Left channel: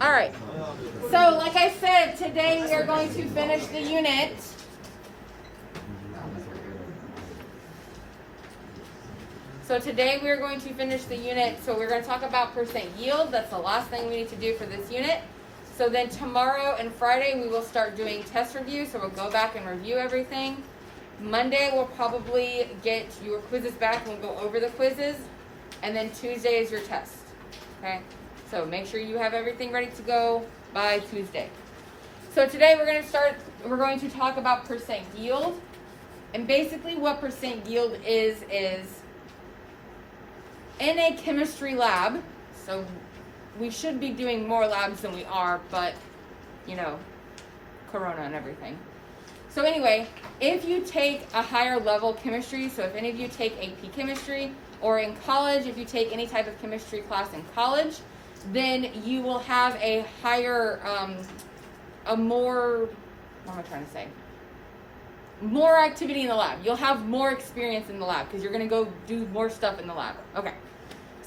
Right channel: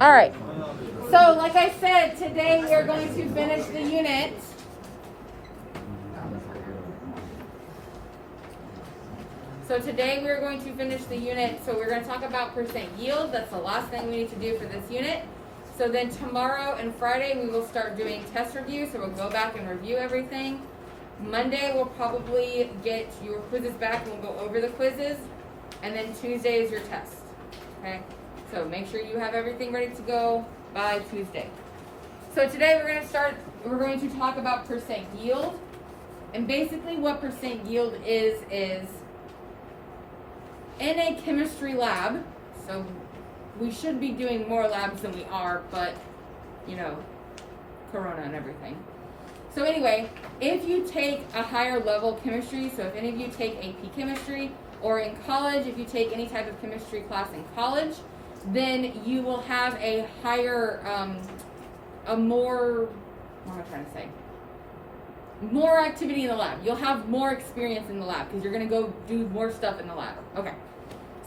All right. So, like I said, today we are going to finish the unit. So today we're going to finish the unit. So we're going to talk about percent yield. That's the last thing we need to do for this unit. So then tomorrow and Friday we will start doing test review. So we'll go back and review everything. Monday we'll probably get your quizzes back. We'll go over the quizzes. And then Tuesday is your test. Okay? So make sure you have everything ready to go by Tuesday. So today we're going to talk about percent yield. And basically what percent yield is in a chemistry lab, so we should be doing more labs than we are, but, you know, Corona and everything. So anyway, if you take a higher level chemistry, so if any of you take AP chemistry, or in college, if you take any type of chemistry class in college, then you will have a higher, more activity in the lab. You'll have more experience in the lab because you're going to go do more stuff in the lab. Okay.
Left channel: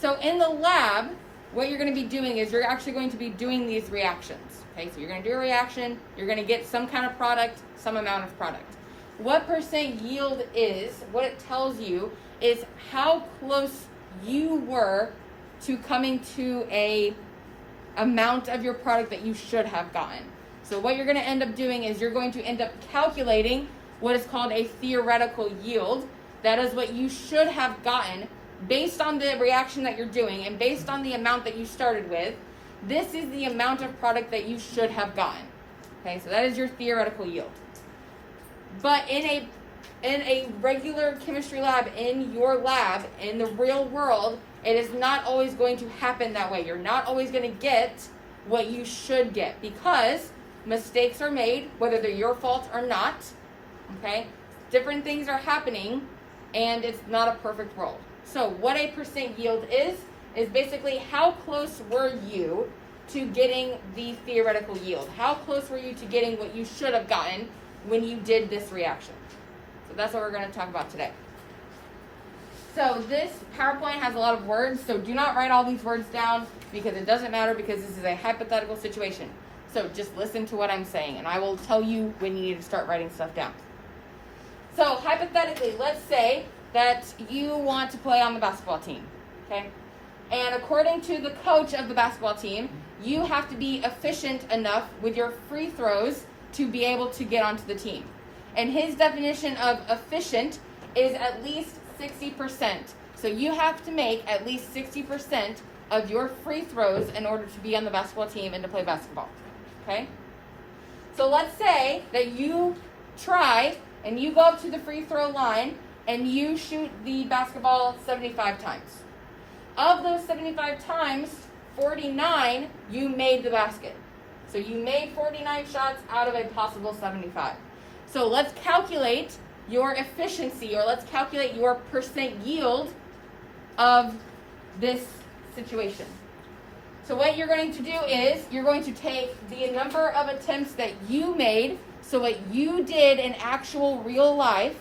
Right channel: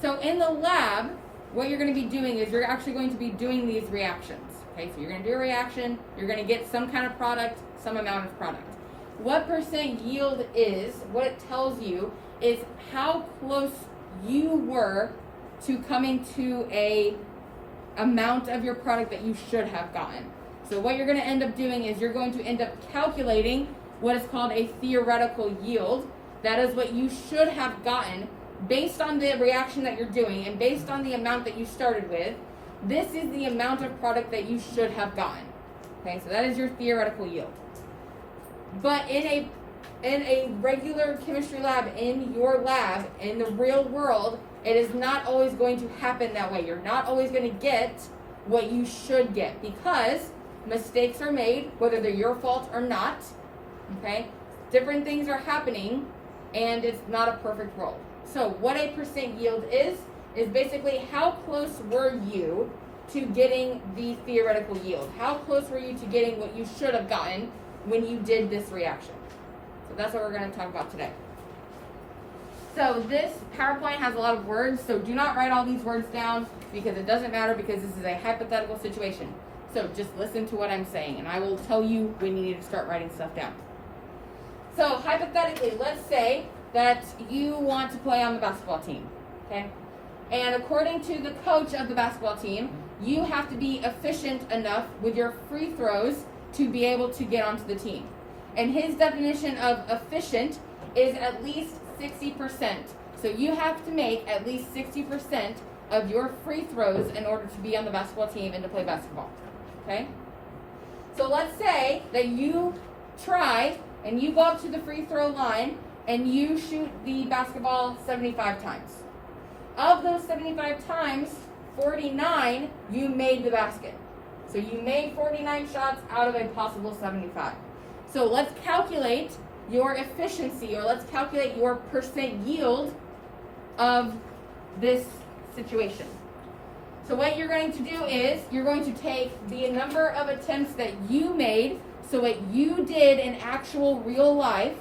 So in the lab, what you're going to be doing is you're actually going to be doing these reactions. Okay, so you're going to do a reaction, you're going to get some kind of product, some amount of product. What percent yield is, what it tells you is how close you were to coming to a amount of your product that you should have gotten. So what you're going to end up doing is you're going to end up calculating what is called a theoretical yield. That is what you should have gotten based on the reaction that you're doing and based on the amount that you started with. This is the amount of product that you should have gotten. Okay, so that is your theoretical yield. But in a regular chemistry lab, in your lab, in the real world, it is not always going to happen that way. You're not always going to get what you should get because mistakes are made, whether they're your fault or not. Okay, different things are happening, and it's not a perfect world. So what a percent yield is basically how close were you to getting the theoretical yield? How close were you to getting what you should have gotten when you did this reaction? So that's what we're going to talk about today. So this PowerPoint has a lot of words, so do not write all these words down because it doesn't matter because this is a hypothetical situation. So just listen to what I'm saying, and I will tell you when you need to start writing stuff down. So hypothetically, let's say that you want to play on the basketball team, okay? And according to the coach of the basketball team, you have to be efficient enough with your free throws to be able to get onto the team. And his definition of efficient is at least 60%. So you have to make at least 60% of your free throws in order to be on the basketball team and to play basketball, okay? So let's say that you try and you go up to the free throw line and you shoot the basketball 75 times. Of those 75 times, 49 you made the basket. So you made 49 shots out of a possible 75. So let's calculate your efficiency, or let's calculate your percent yield of this situation. So what you're going to do is you're going to take the number of attempts that you made, so what you did in actual real life,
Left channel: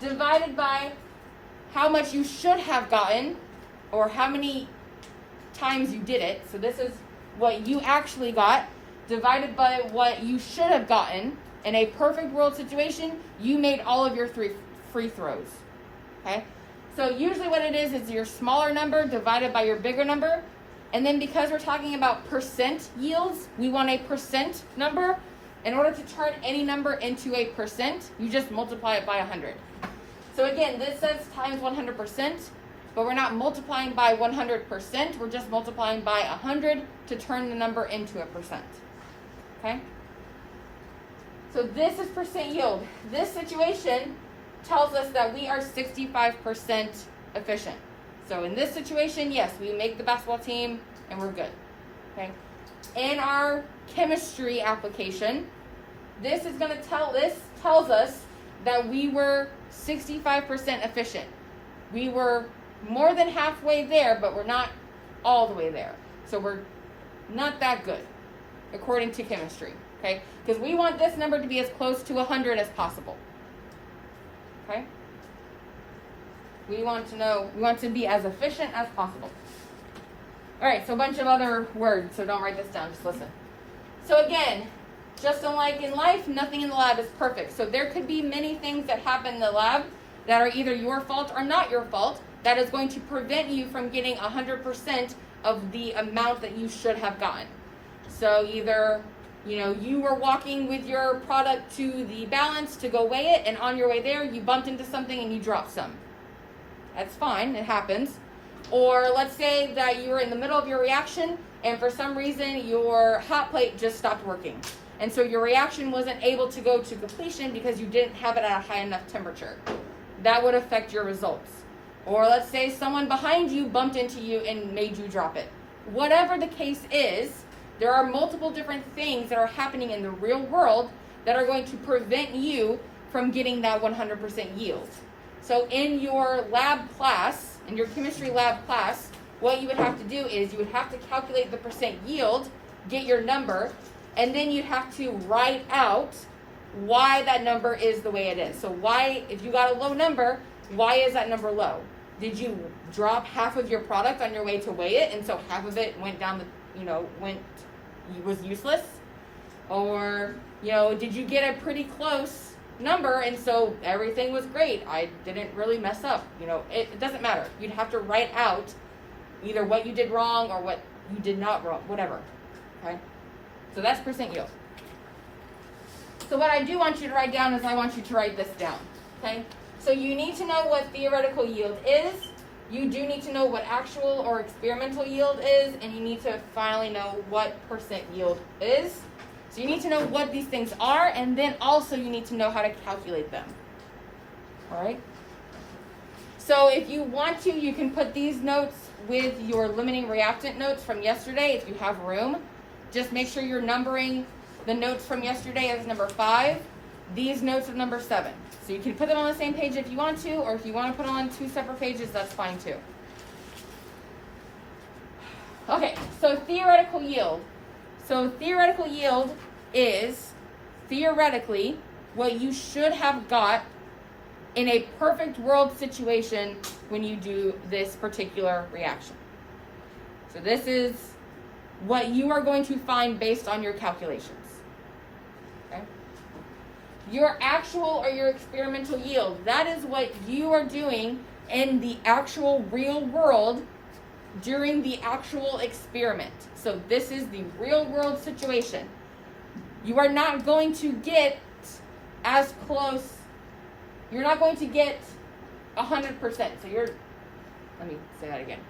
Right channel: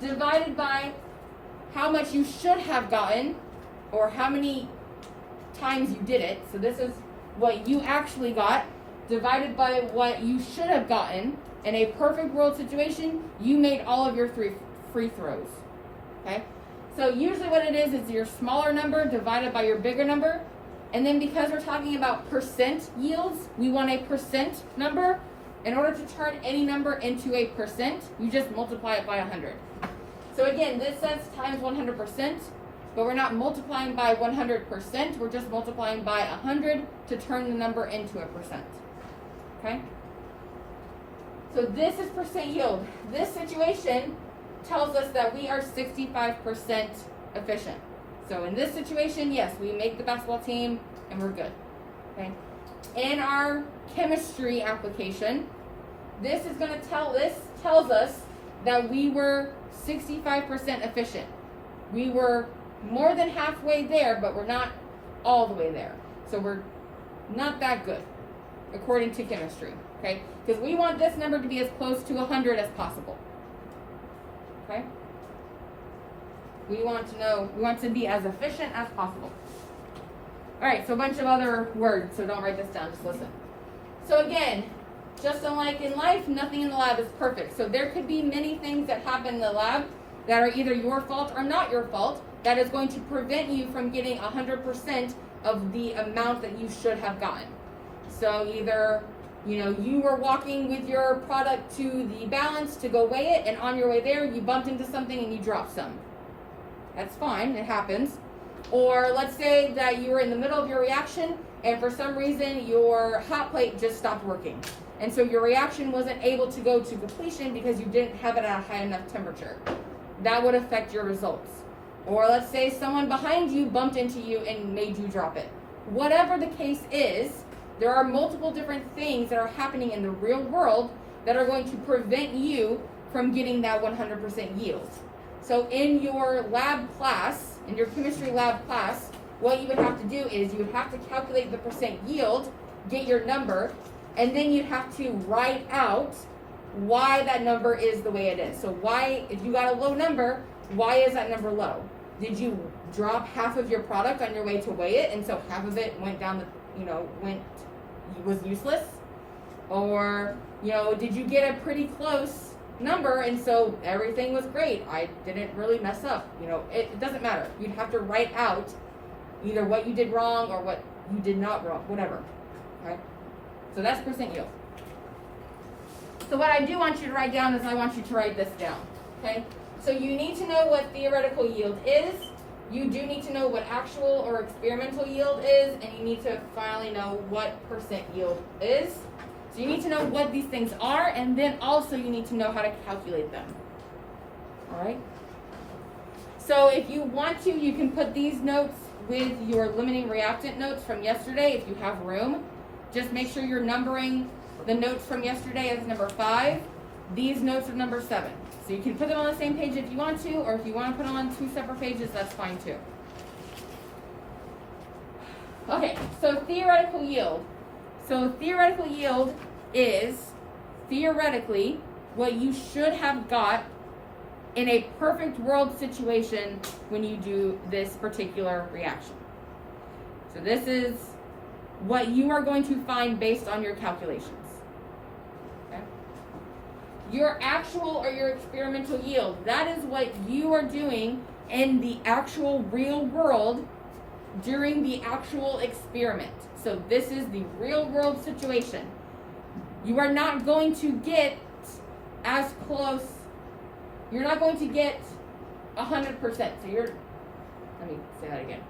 divided by how much you should have gotten, or how many times you did it. So this is what you actually got, divided by what you should have gotten. In a perfect world situation, you made all of your free throws. Okay? So usually what it is your smaller number divided by your bigger number. And then because we're talking about percent yields, we want a percent number. In order to turn any number into a percent, you just multiply it by 100. So again, this says times 100%, but we're not multiplying by 100%, we're just multiplying by 100 to turn the number into a percent. Okay? So this is percent yield. This situation tells us that we are 65% efficient. So in this situation, yes, we make the basketball team and we're good. Okay? In our chemistry application, this tells us that we were 65% efficient. We were more than halfway there, but we're not all the way there. So we're not that good, according to chemistry. Okay? Because we want this number to be as close to 100 as possible. Okay? We want to be as efficient as possible. All right, so a bunch of other words, so don't write this down, just listen. So again, just unlike in life, nothing in the lab is perfect. So there could be many things that happen in the lab that are either your fault or not your fault, that is going to prevent you from getting 100% of the amount that you should have gotten. So either, you were walking with your product to the balance to go weigh it, and on your way there, you bumped into something and you dropped some. That's fine, it happens. Or let's say that you were in the middle of your reaction, and for some reason, your hot plate just stopped working. And so your reaction wasn't able to go to completion because you didn't have it at a high enough temperature. That would affect your results. Or let's say someone behind you bumped into you and made you drop it. Whatever the case is, there are multiple different things that are happening in the real world that are going to prevent you from getting that 100% yield. So in your lab class, in your chemistry lab class, what you would have to do is you would have to calculate the percent yield, get your number, and then you'd have to write out why that number is the way it is. So why, if you got a low number, why is that number low? Did you drop half of your product on your way to weigh it, and so half of it went down was useless? Or, did you get a pretty close number, and so everything was great, I didn't really mess up? It doesn't matter. You'd have to write out either what you did wrong or what you did not wrong, whatever. Okay? So that's percent yield. So what I do want you to write down is I want you to write this down. Okay? So you need to know what theoretical yield is. You do need to know what actual or experimental yield is, and you need to finally know what percent yield is. So you need to know what these things are, and then also you need to know how to calculate them. All right? So if you want to, you can put these notes with your limiting reactant notes from yesterday if you have room. Just make sure you're numbering the notes from yesterday as number 5, these notes are number 7. So you can put them on the same page if you want to, or if you want to put them on 2 separate pages, that's fine too. Okay, so theoretical yield. So theoretical yield is theoretically what you should have got in a perfect world situation when you do this particular reaction. So this is what you are going to find based on your calculations. Okay? Your actual or your experimental yield, that is what you are doing in the actual real world during the actual experiment. So this is the real world situation. You are not going to get as close, you're not going to get 100%. So let me say that again.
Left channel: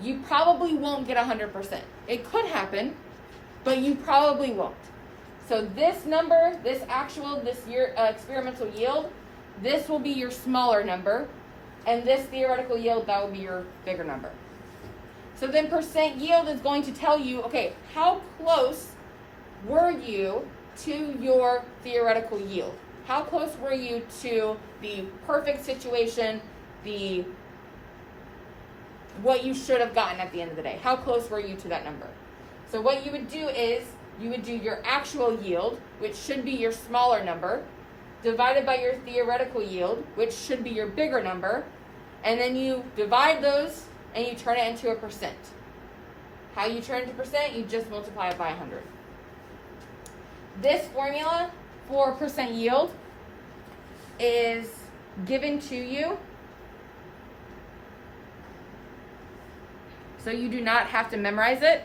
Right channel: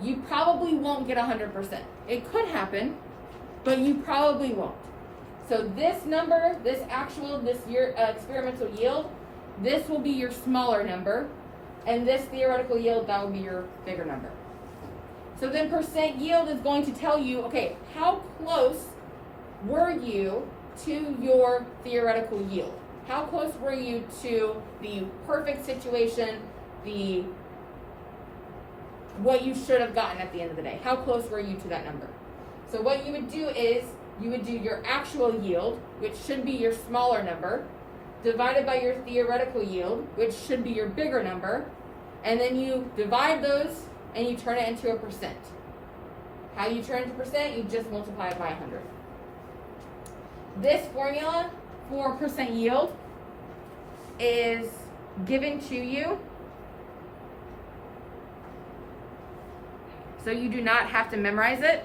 You probably won't get 100%. It could happen, but you probably won't. So this number, this year experimental yield, this will be your smaller number, and this theoretical yield, that will be your bigger number. So then percent yield is going to tell you, okay, how close were you to your theoretical yield? How close were you to the perfect situation, what you should have gotten at the end of the day? How close were you to that number? So what you would do is, you would do your actual yield, which should be your smaller number, divided by your theoretical yield, which should be your bigger number, and then you divide those and you turn it into a percent. How you turn it into percent? You just multiply it by 100. This formula for percent yield is given to you, so you do not have to memorize it.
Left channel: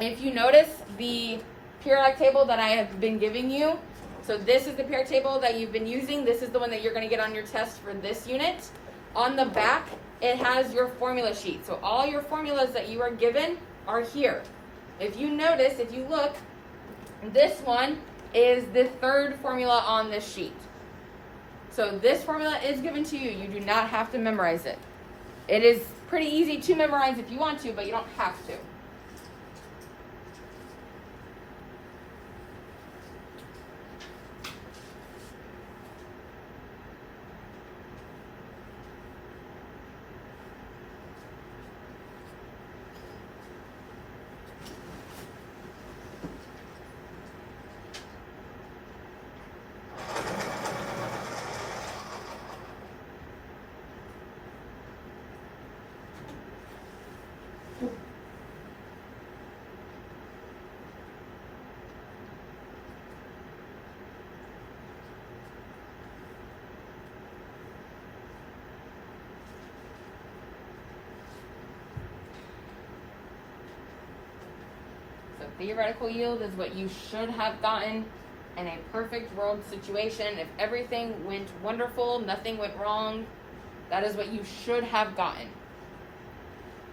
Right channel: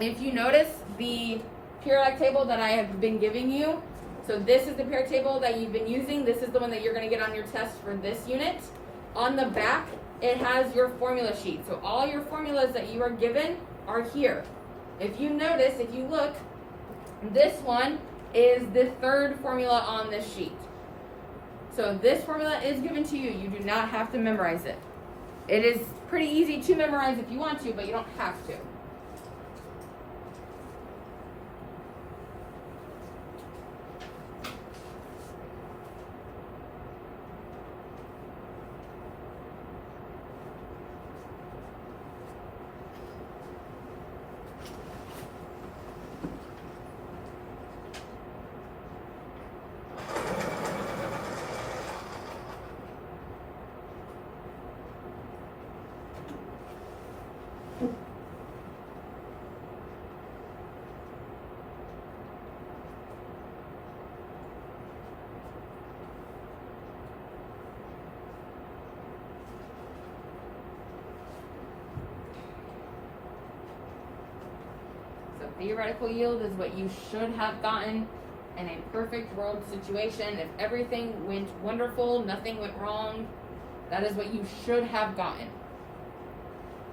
If you notice the periodic table that I have been giving you, so this is the periodic table that you've been using. This is the one that you're going to get on your test for this unit. On the back, it has your formula sheet. So all your formulas that you are given are here. If you notice, if you look, this one is the third formula on this sheet. So this formula is given to you. You do not have to memorize it. It is pretty easy to memorize if you want to, but you don't have to. So theoretical yield is what you should have gotten in a perfect world situation. If everything went wonderful, nothing went wrong, that is what you should have gotten.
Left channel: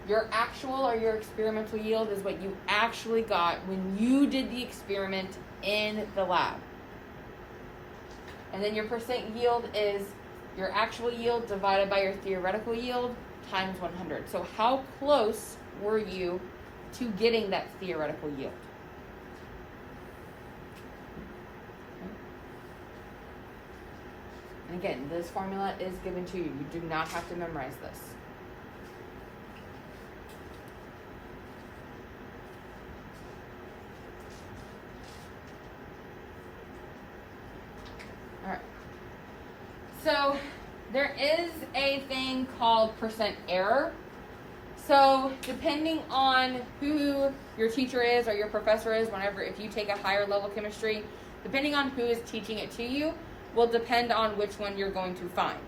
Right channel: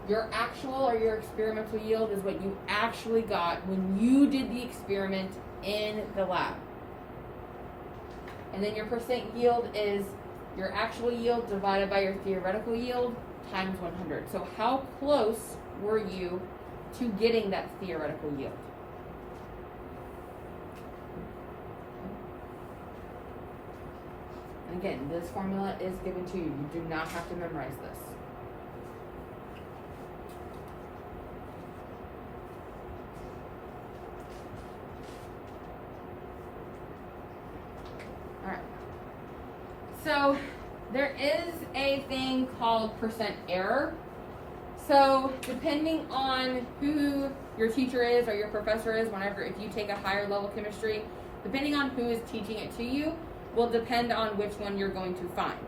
Your actual or your experimental yield is what you actually got when you did the experiment in the lab. And then your percent yield is your actual yield divided by your theoretical yield times 100. So how close were you to getting that theoretical yield? And again, this formula is given to you. You do not have to memorize this. All right. So there is a thing called percent error. So depending on who your teacher is or your professor is, if you take a higher level chemistry, depending on who is teaching it to you, will depend on which one you're going to find.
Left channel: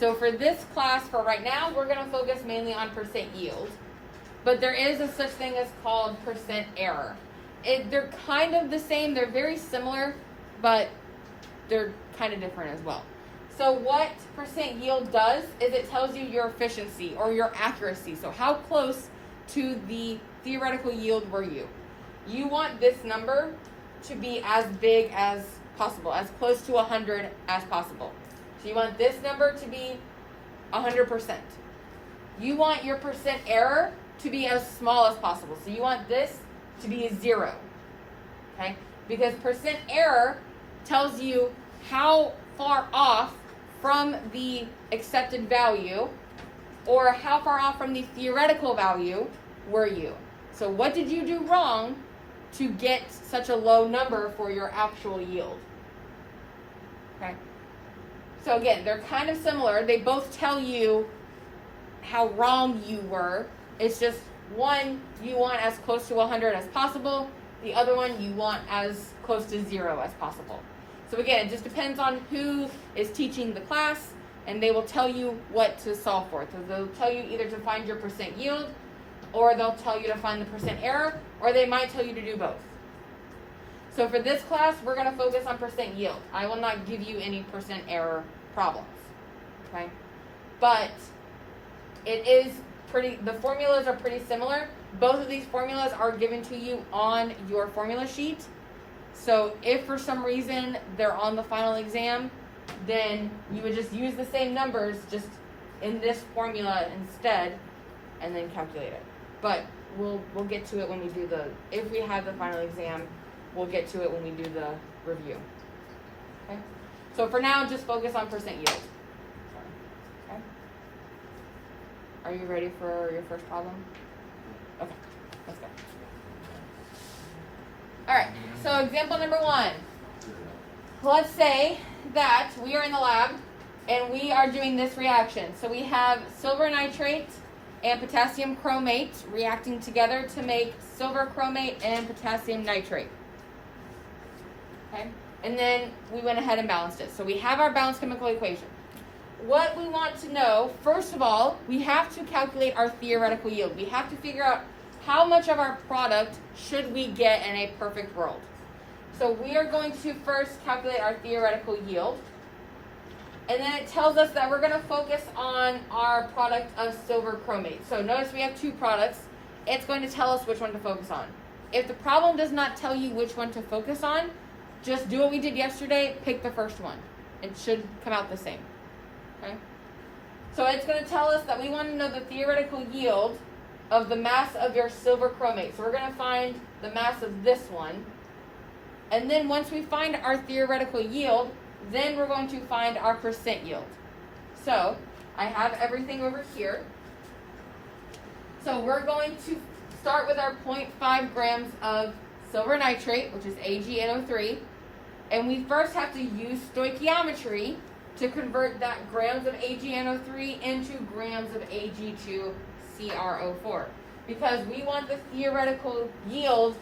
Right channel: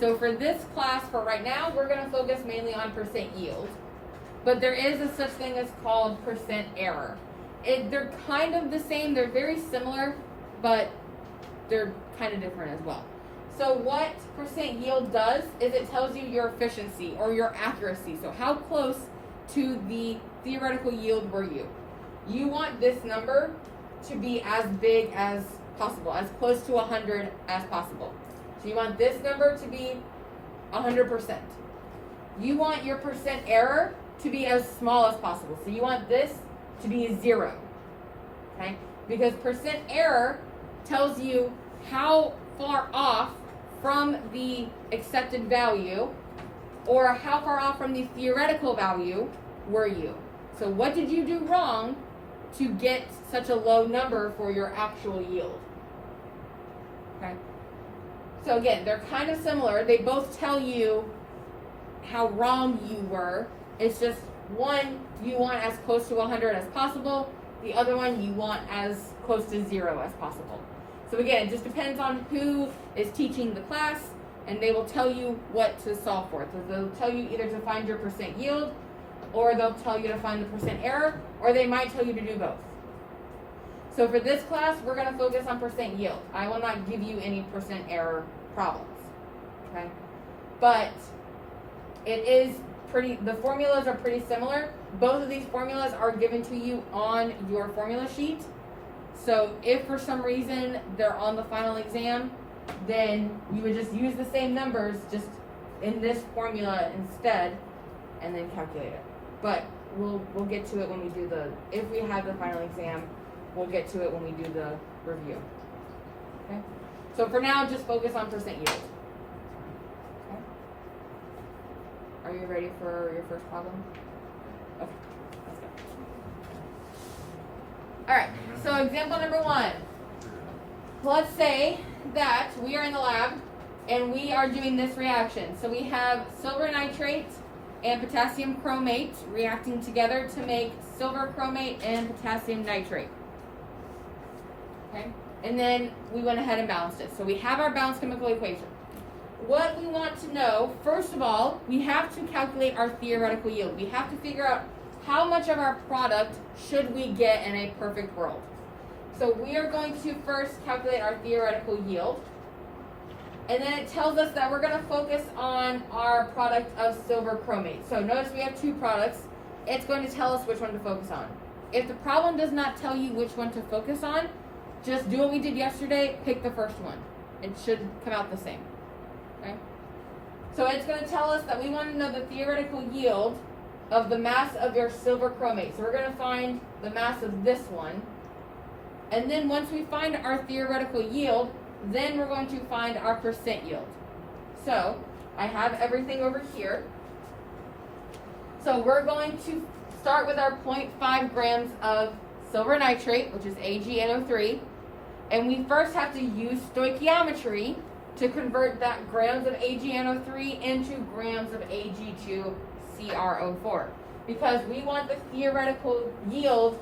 So for this class, for right now, we're going to focus mainly on percent yield. But there is a such thing as called percent error. They're kind of the same. They're very similar, but they're kind of different as well. So what percent yield does is it tells you your efficiency or your accuracy. So how close to the theoretical yield were you? You want this number to be as big as possible, as close to 100 as possible. So you want this number to be 100%. You want your percent error to be as small as possible. So you want this to be 0. Okay? Because percent error tells you how far off from the accepted value or how far off from the theoretical value were you. So what did you do wrong to get such a low number for your actual yield? Okay. So again, they're kind of similar. They both tell you how wrong you were. It's just one you want as close to 100 as possible. The other one you want as close to 0 as possible. So again, it just depends on who is teaching the class, and they will tell you what to solve for. So they'll tell you either to find your percent yield, or they'll tell you to find the percent error, or they might tell you to do both. So for this class, we're going to focus on percent yield. I will not give you any percent error problems. Okay? But the formulas are pretty similar. Both of these formulas are given to you on your formula sheet. So if for some reason they're on the final exam, then you would just use the same numbers just in this formula instead and then calculate it. But we'll get to it when we do if we have the final exam, we'll get to it when we do the review. Okay? So for now, just focus on percent yield. Okay? Are you ready for your first problem? Okay, let's go. All right, so example number 1. Let's say that we are in the lab and we are doing this reaction. So we have silver nitrate and potassium chromate reacting together to make silver chromate and potassium nitrate. Okay, and then we went ahead and balanced it. So we have our balanced chemical equation. What we want to know, first of all, we have to calculate our theoretical yield. We have to figure out how much of our product should we get in a perfect world. So we are going to first calculate our theoretical yield. And then it tells us that we're going to focus on our product of silver chromate. So notice we have 2 products. It's going to tell us which one to focus on. If the problem does not tell you which one to focus on, just do what we did yesterday, pick the first one. It should come out the same. Okay? So it's going to tell us that we want to know the theoretical yield of the mass of your silver chromate. So we're going to find the mass of this one. And then once we find our theoretical yield, then we're going to find our percent yield. So I have everything over here. So we're going to start with our 0.5 grams of silver nitrate, which is AgNO3. And we first have to use stoichiometry to convert that grams of AgNO3 into grams of Ag2CrO4. Because we want the theoretical yield,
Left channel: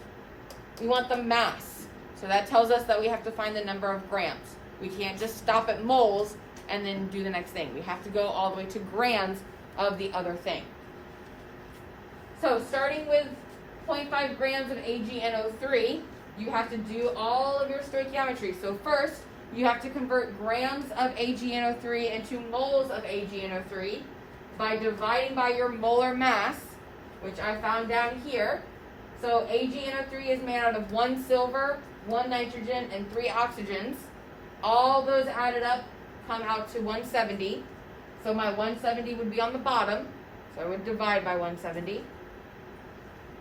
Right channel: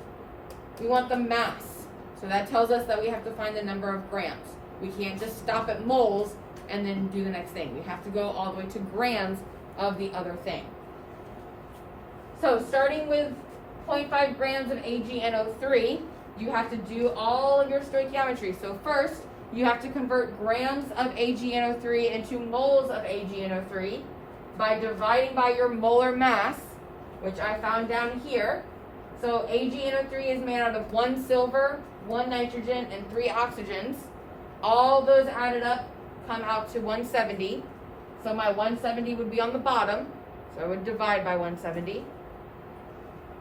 we want the mass. So that tells us that we have to find the number of grams. We can't just stop at moles and then do the next thing. We have to go all the way to grams of the other thing. So starting with 0.5 grams of AgNO3, you have to do all of your stoichiometry. So first, you have to convert grams of AgNO3 into moles of AgNO3 by dividing by your molar mass, which I found down here. So AgNO3 is made out of 1 silver, 1 nitrogen, and 3 oxygens. All those added up come out to 170. So my 170 would be on the bottom. So I would divide by 170.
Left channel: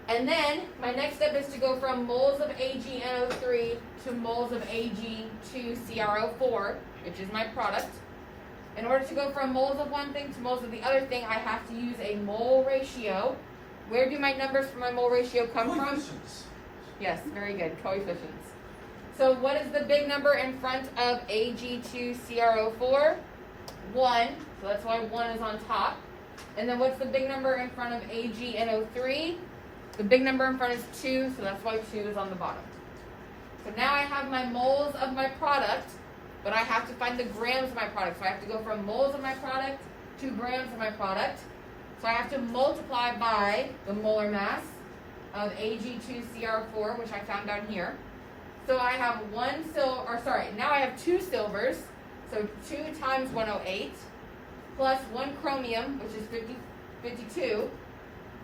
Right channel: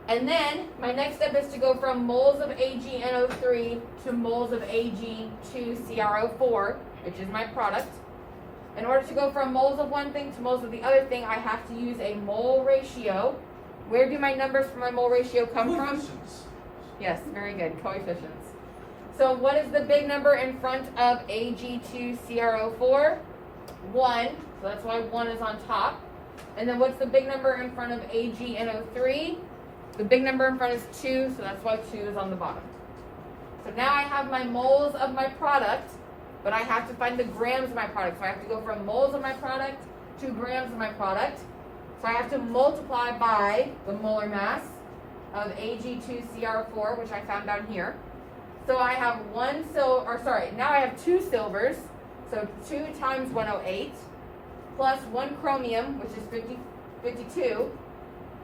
And then my next step is to go from moles of AgNO3 to moles of Ag2CrO4, which is my product. In order to go from moles of one thing to moles of the other thing, I have to use a mole ratio. Where do my numbers for my mole ratio come from? Yes, very good, coefficients. So what is the big number in front of Ag2CrO4? 1, so that's why 1 is on top. And then what's the big number in front of AgNO3? The big number in front is 2, so that's why 2 is on the bottom. So now I have my moles of my product, but I have to find the grams of my product. So I have to go from moles of my product to grams of my product. So I have to multiply by the molar mass of Ag2CrO4, which I found down here. So I have now I have 2 silvers, so 2 times 108, plus 1 chromium, which is 52,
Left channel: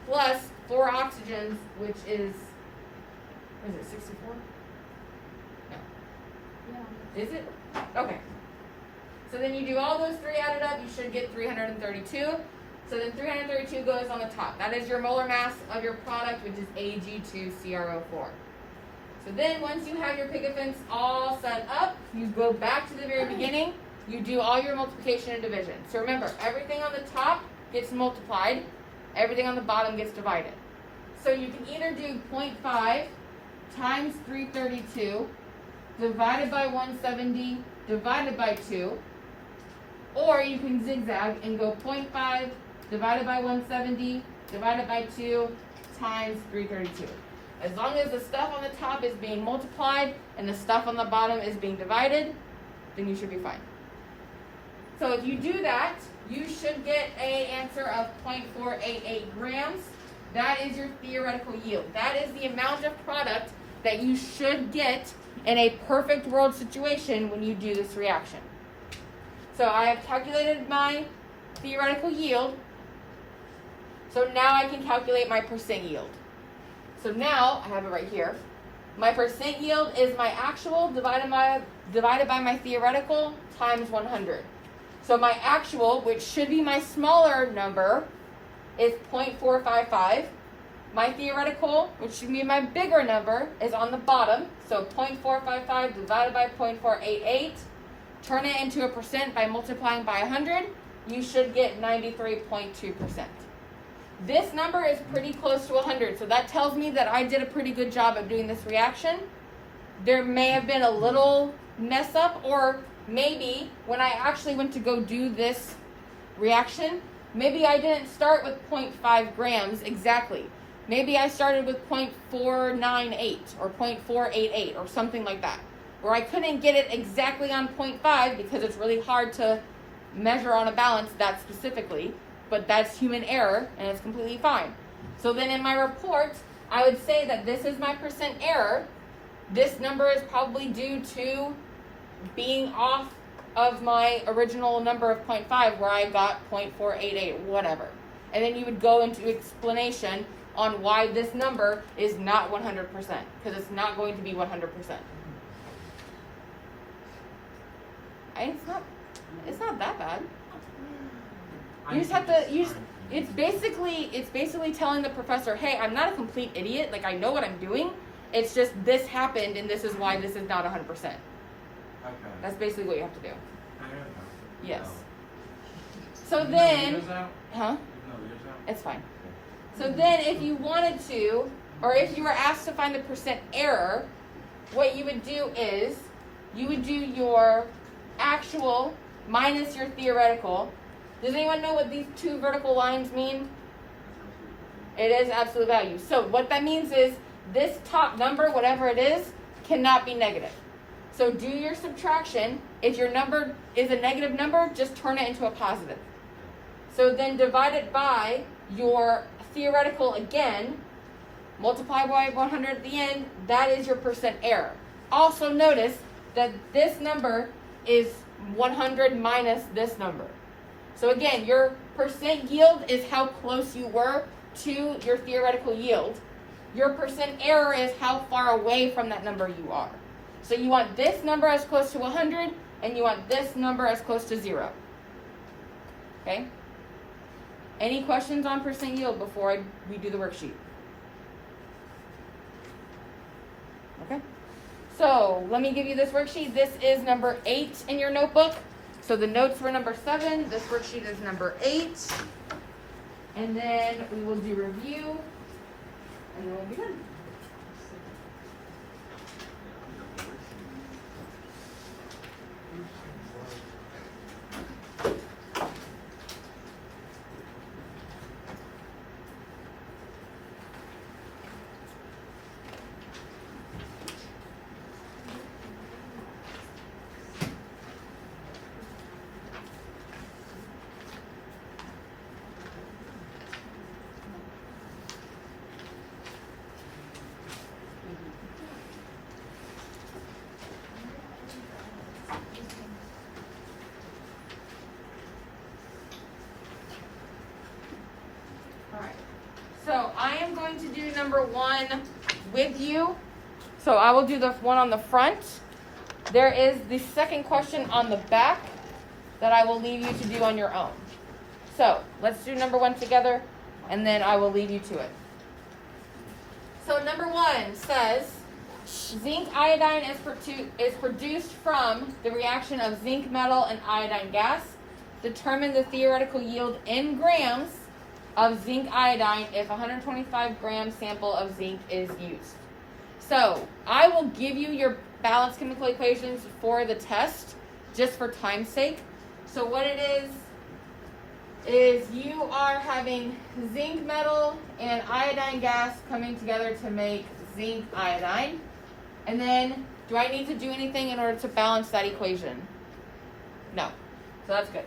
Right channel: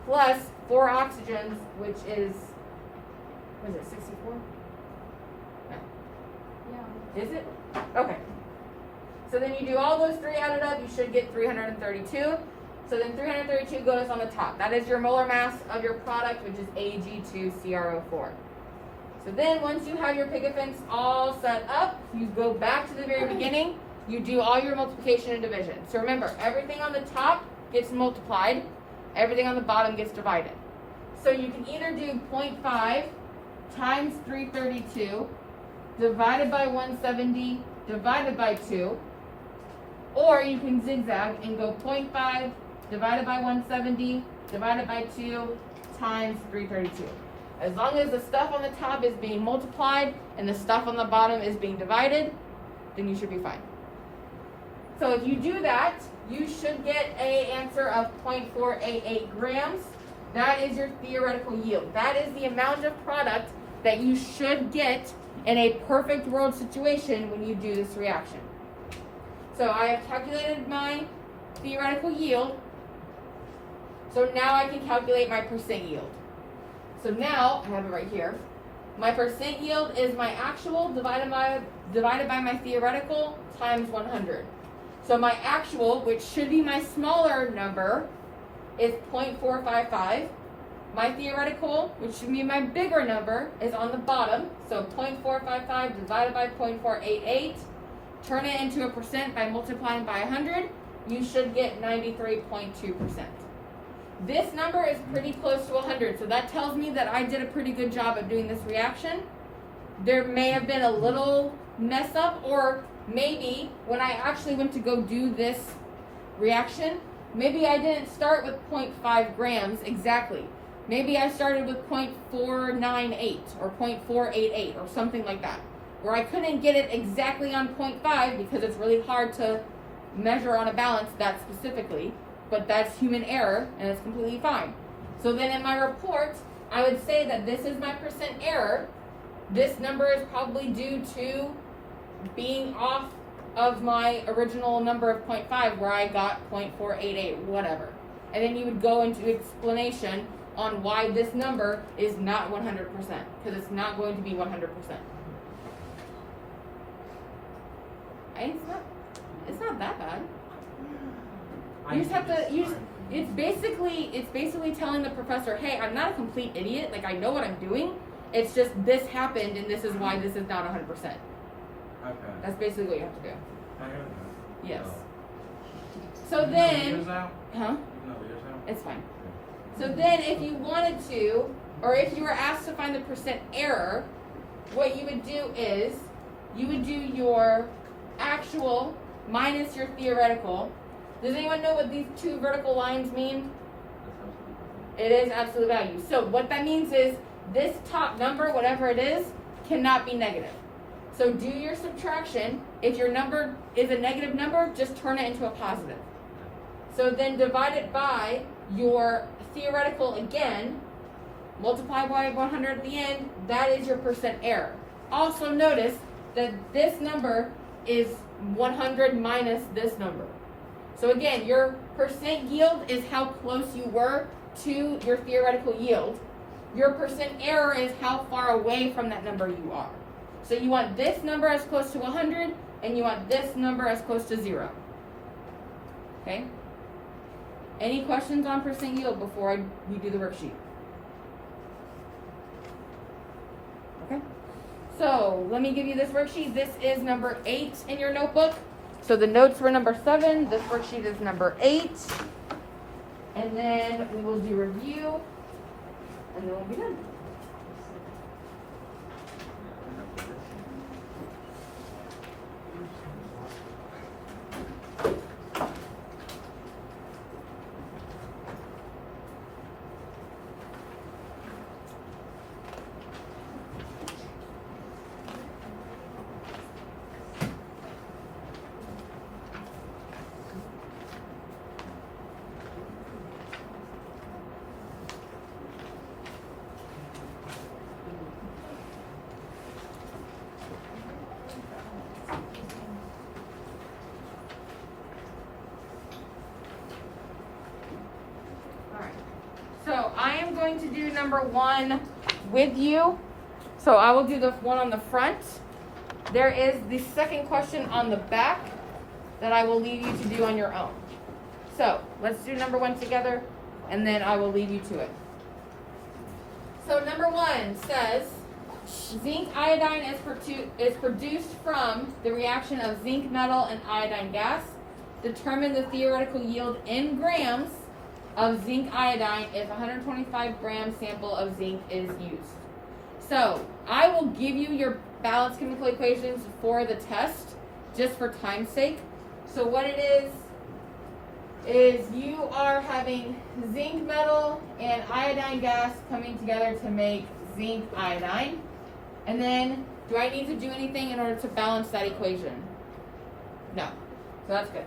plus 4 oxygens, which is, what is it, 64? No. Yeah. Is it? Okay. So then you do all those 3 added up, you should get 332. So then 332 goes on the top. That is your molar mass of your product, which is Ag2CrO4. So then once you have your pigments all set up, you go back to the very beginning, you do all your multiplication and division. So remember, everything on the top gets multiplied, everything on the bottom gets divided. So you can either do 0.5 times 332 divided by 170 divided by 2, or you can zigzag and go 0.5 divided by 170 divided by 2 times 332. As long as the stuff on the top is being multiplied and the stuff on the bottom is being divided, then you should be fine. So if you do that, you should get an answer of 0.488 grams. That is your theoretical yield. That is the amount of product that you should get in a perfect world situation when you do this reaction. So I have calculated my theoretical yield. So now I can calculate my percent yield. So now, I have it right here. My percent yield is my actual divided by my theoretical times 100. So my actual, which should be my smaller number, is 0.455. My theoretical, which should be my bigger number, is on the bottom. So 0.455 divided by 0.488. Turn it into a percent by multiplying by 100. You should get 93.2%. This number is pretty close to 100, so that tells me that I did a pretty good job of doing this reaction. There may have been a little mess up, or maybe when I actually went to go do this reaction, maybe I didn't start with 0.5 grams exactly. Maybe I started with 0.498 or 0.488 or something like that, where I couldn't get it exactly on 0.5 because it's really hard to measure on a balance that specifically. But that's human error, and it's completely fine. So then in my report, I would say that this is my percent error. This number is probably due to being off of my original number of 0.5, where I got 0.488, whatever. And then you would go into explanation on why this number is not 100%, because it's not going to be 100%. It's not that bad. You just have to it's basically telling the professor, hey, I'm not a complete idiot, like I know what I'm doing. It's just this happened and this is why this is not 100%. Okay. That's basically what you have to do. I don't know. Yes. No. So then, it's fine. So then if you wanted to, or if you were asked to find the percent error, what you would do is you would do your actual minus your theoretical. Does anyone know what these 2 vertical lines mean? It is absolute value. So what that means is this top number, whatever it is, cannot be negative. So do your subtraction. If your number is a negative number, just turn it into a positive. So then divide it by your theoretical again, multiply by 100 at the end, that is your percent error. Also notice that this number is 100 minus this number. So again, your percent yield is how close you were to your theoretical yield. Your percent error is how far away from that number you are. So you want this number as close to 100, and you want this number as close to 0. Okay? Any questions on percent yield before we do the worksheet? Okay. So let me give you this worksheet. This is number 8 in your notebook. So the notes were number 7. This worksheet is number 8. And then we will do review. And then we'll be done. So I am going to do number 1 with you. So I will do the one on the front. There is the second question on the back that I will leave you to do on your own. So let's do number 1 together, and then I will leave you to it. So number 1 says, zinc iodine is produced from the reaction of zinc metal and iodine gas. Determine the theoretical yield in grams of zinc iodine if 125 gram sample of zinc is used. So I will give you your balanced chemical equations for the test, just for time's sake. So what it is you are having zinc metal and iodine gas coming together to make zinc iodine. And then, do I need to do anything in order to balance that equation? No. So that's good.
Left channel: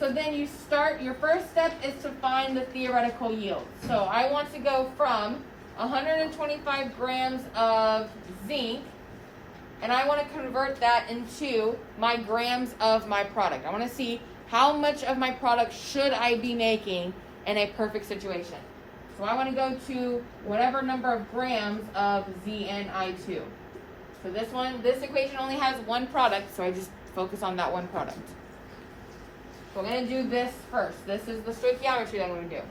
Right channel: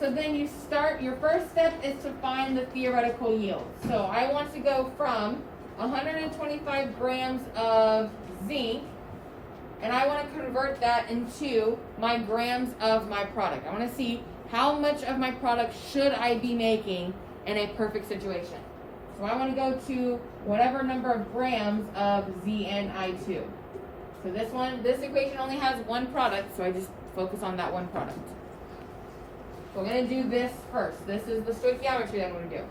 So then you start, your first step is to find the theoretical yield. So I want to go from 125 grams of zinc, and I want to convert that into my grams of my product. I want to see how much of my product should I be making in a perfect situation. So I want to go to whatever number of grams of ZnI2. So this equation only has one product, so I just focus on that one product. So I'm going to do this first. This is the stoichiometry that I'm going to do.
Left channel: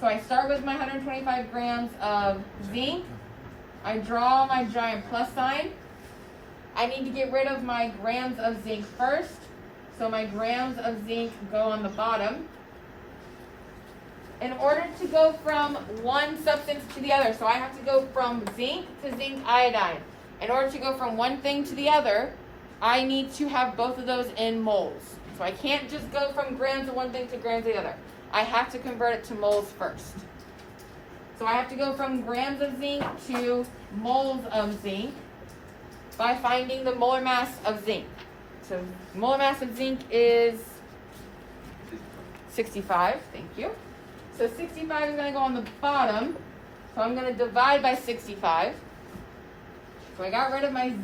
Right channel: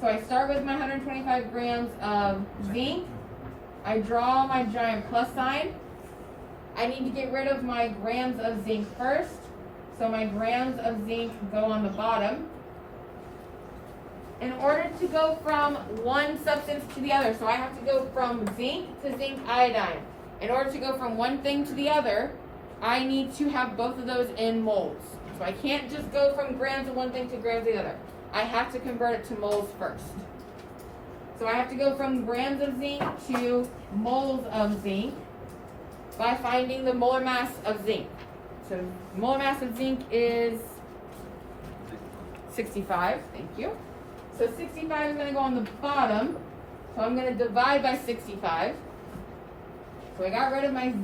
So I start with my 125 grams of zinc. I draw my giant plus sign. I need to get rid of my grams of zinc first. So my grams of zinc go on the bottom. In order to go from one substance to the other, so I have to go from zinc to zinc iodine. In order to go from one thing to the other, I need to have both of those in moles. So I can't just go from grams of one thing to grams of the other. I have to convert it to moles first. So I have to go from grams of zinc to moles of zinc by finding the molar mass of zinc. So molar mass of zinc is 65. Thank you. So 65 is going to go on the bottom. So I'm going to divide by 65. So I got rid of my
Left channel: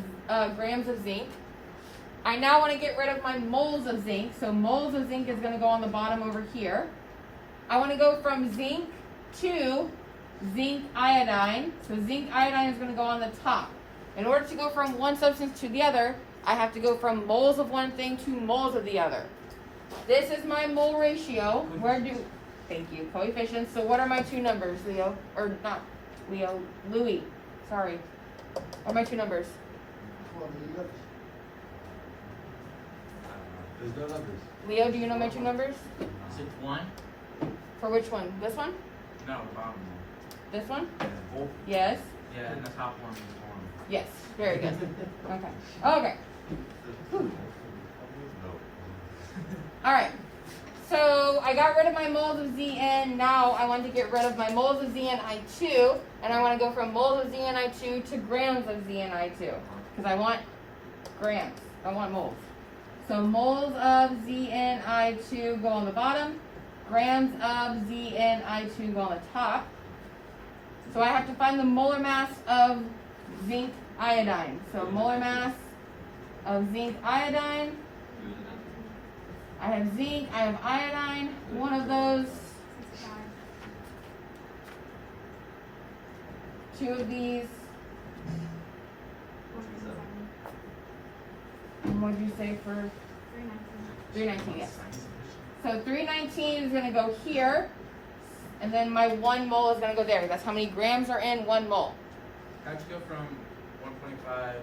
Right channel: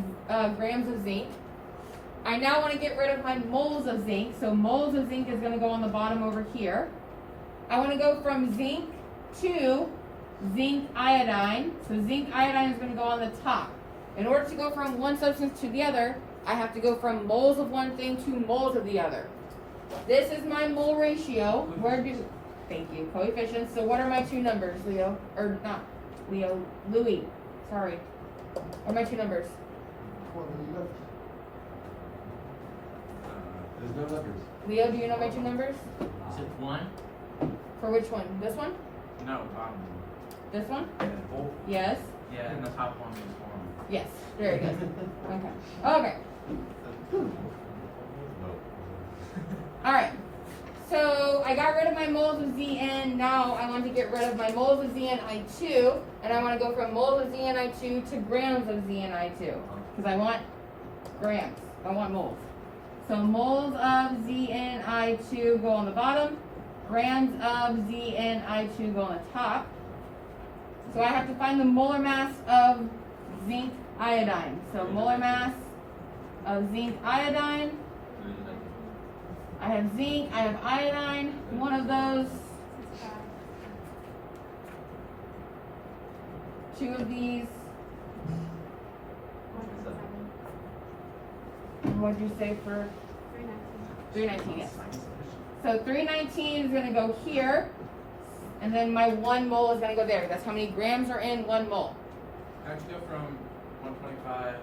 grams of zinc. I now want to get rid of my moles of zinc. So moles of zinc is going to go on the bottom over here. I want to go from zinc to zinc iodine. So zinc iodine is going to go on the top. In order to go from one substance to the other, I have to go from moles of one thing to moles of the other. This is my mole ratio. Thank you, coefficients. So what are my two numbers, Leo? Or not Leo, Louis. Sorry. What are my two numbers? There's no numbers. Leo, do you know my two numbers? Is it 1? For which one? This one? No, This one? Yeah. Yes. yeah, and the top one was 1. Yes. Very good. Okay. Okay. No. All right. So I got rid of my moles of Zn. Now I want to get rid of my moles of ZnI2, and I want to go from moles of ZnI2 to grams of ZnI2 because I want grams. I want moles. So moles of ZnI2 go on the bottom. Grams of ZnI2 go on the top. So I have to find the molar mass of zinc iodine. So molar mass of zinc iodine. I have zinc, I have iodine, one of those. Two of these. And what did you say for 319? Yes. So 319 is going to go here, and then my 1 mole is going to go there. That's how many grams are in 1 mole. How'd you go from 125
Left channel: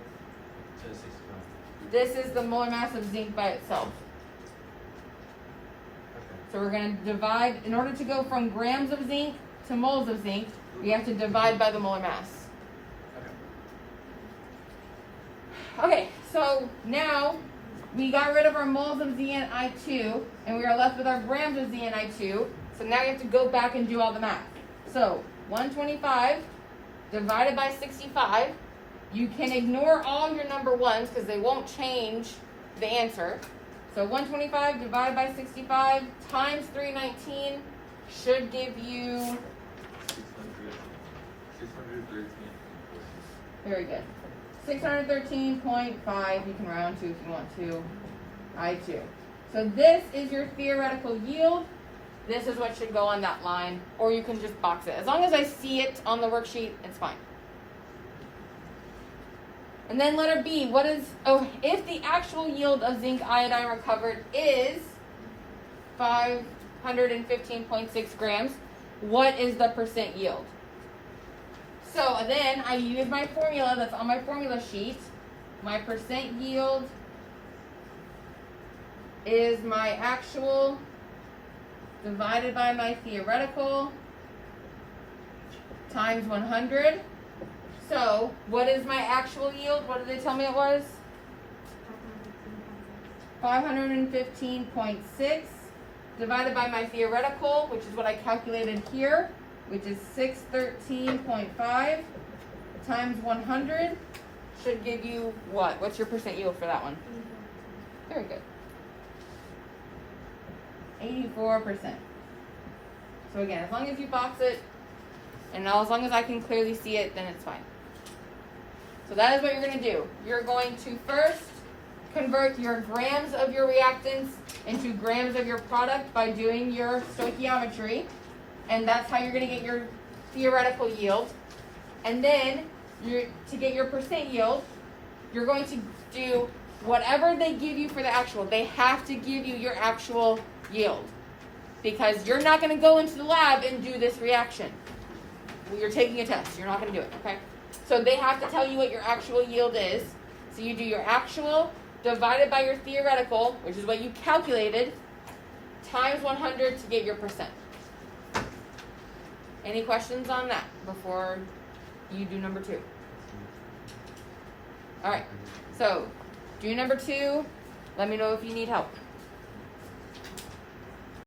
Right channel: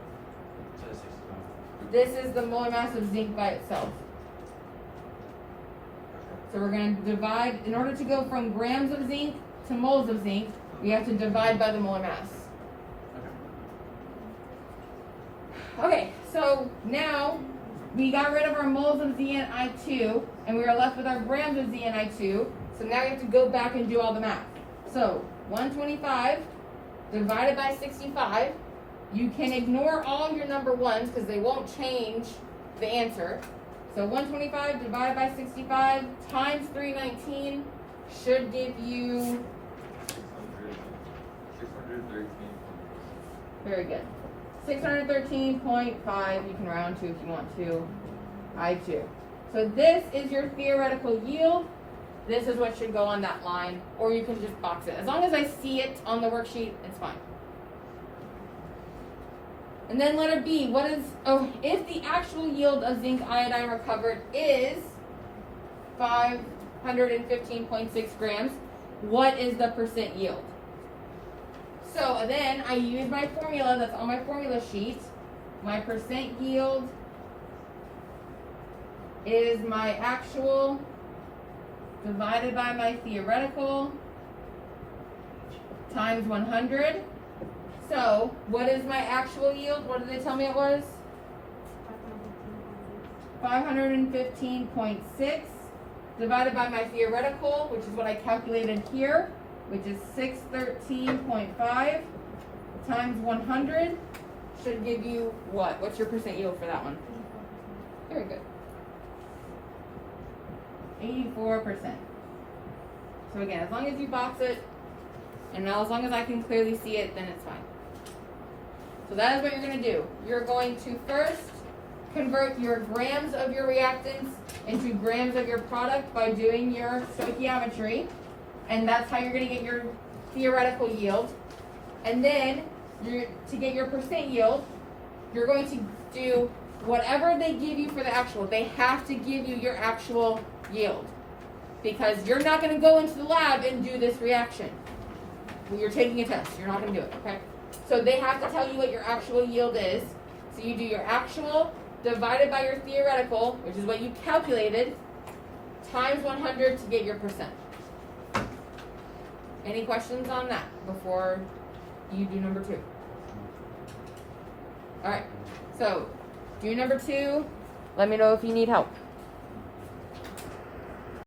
to 65? This is the molar mass of zinc by itself. So we're going to divide, in order to go from grams of zinc to moles of zinc, we have to divide by the molar mass. Okay, so now we got rid of our moles of ZnI2, and we are left with our grams of ZnI2. So now you have to go back and do all the math. So 125 divided by 65. You can ignore all your number ones because they won't change the answer. So 125 divided by 65 times 319 should give you, 613. very good, 613.5, you can round to if you want to, I2. So this is your theoretical yield. This is what should go on that line, or you can just box it. As long as I see it on the worksheet, it's fine. And then letter B, what is, if the actual yield of zinc iodine recovered is 515.6 grams, what is the percent yield? So then I use my formula that's on my formula sheet. My percent yield is my actual divided by my theoretical times 100. So, what is my actual yield? What did they tell me it was? 515.6 divided by my theoretical, which is what I calculated here, which is 613.5 times 100 should give you what? What's your percent yield for that one? Very good. 84%. So again, as long as you box it, and as long as I can clearly see it, then it's fine. So that is what you're going to do. You're going to first convert your grams of your reactants into grams of your product by doing your stoichiometry. And that's how you're going to get your theoretical yield. And then to get your percent yield, you're going to do whatever they give you for the actual. They have to give you your actual yield, because you're not going to go into the lab and do this reaction. You're taking a test. You're not going to do it, okay? So they have to tell you what your actual yield is. So you do your actual divided by your theoretical, which is what you calculated, times 100 to get your percent. Any questions on that before you do number 2? All right. So do number 2. Let me know if you need help.